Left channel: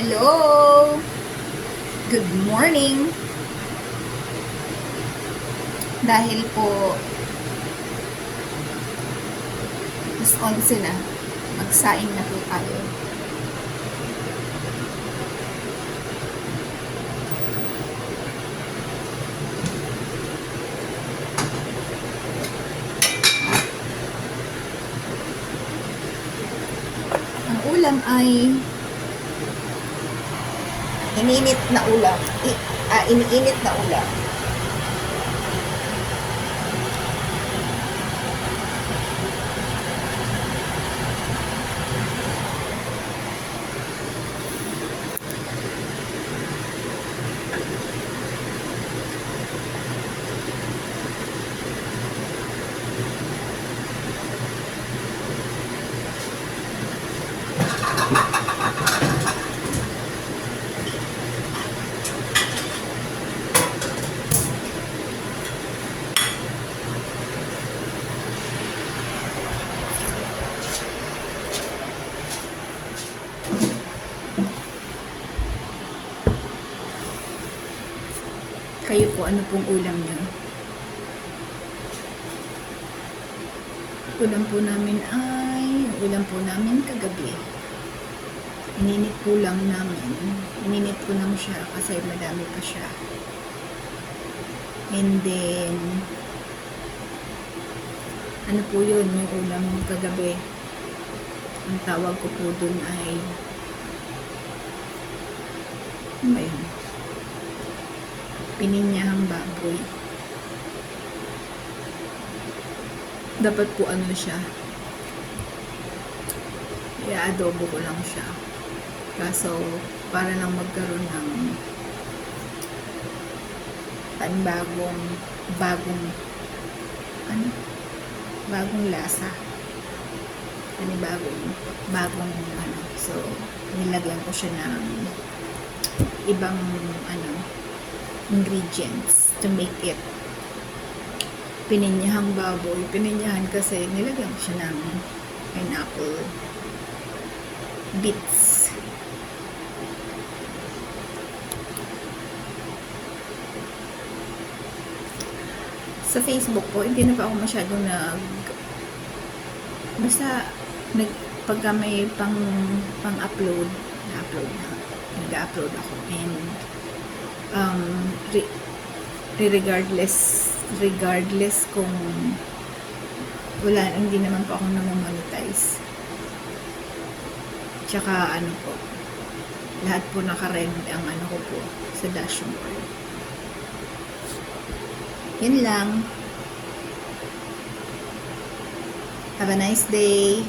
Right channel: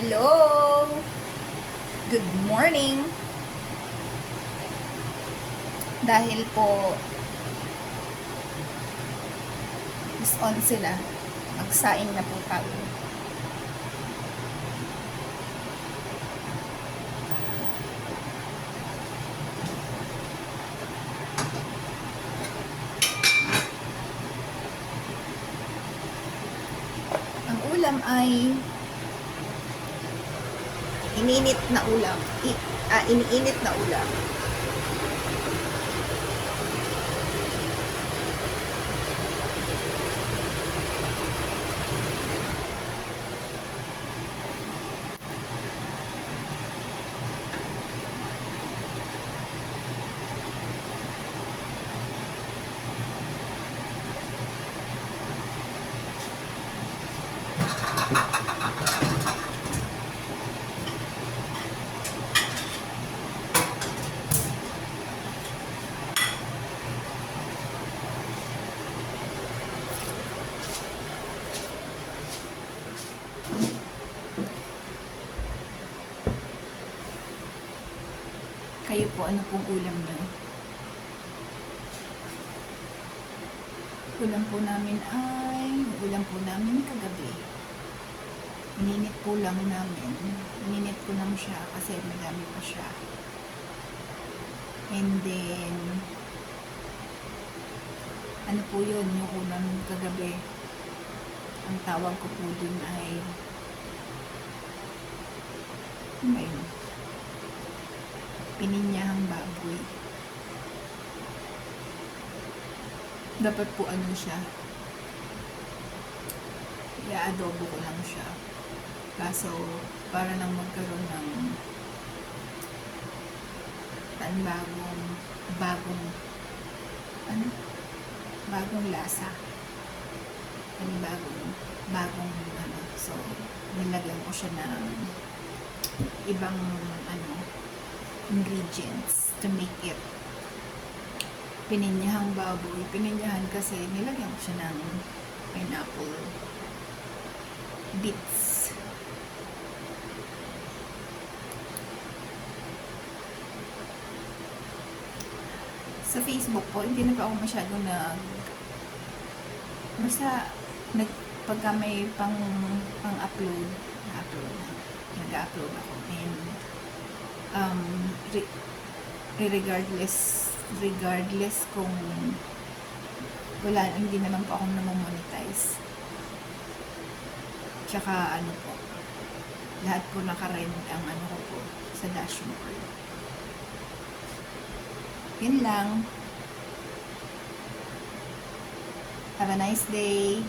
Hello! Good morning! Dahil po is 11 na, magsaing na po tayo. Ang ulam ay iniinit na ulam. Iniinit na ulam. Kayo po, ano pong ulam niyo? Ulam po namin ay, ulam po namin kagabi. Ininit po lang namin. Ininit po lang siya kasi madami pa siya. And then, ano po yun, yung ulam kagabi. Ang tawag ko po dun ay, ano ba yun? Pininyahang baboy. Dapat po ano siya, i-adobo ko lang siya. Kaso, para lang magkaroon ng bagong lasa. Bagong so, nilagyan ko siya ng ibang ingredients to make it pininyahang baboy. Pininyahan kasi nilagyan ko siya ng pineapple bits. Sa Facebook po, hindi na pa ako masyadong pagka may pang-upload, nag-upload ako. And regardless kung hindi naman po ako namamonetize. Tsaka po, lahat po naka-red ang ko po sa dashboard. Yun lang. Have a nice day.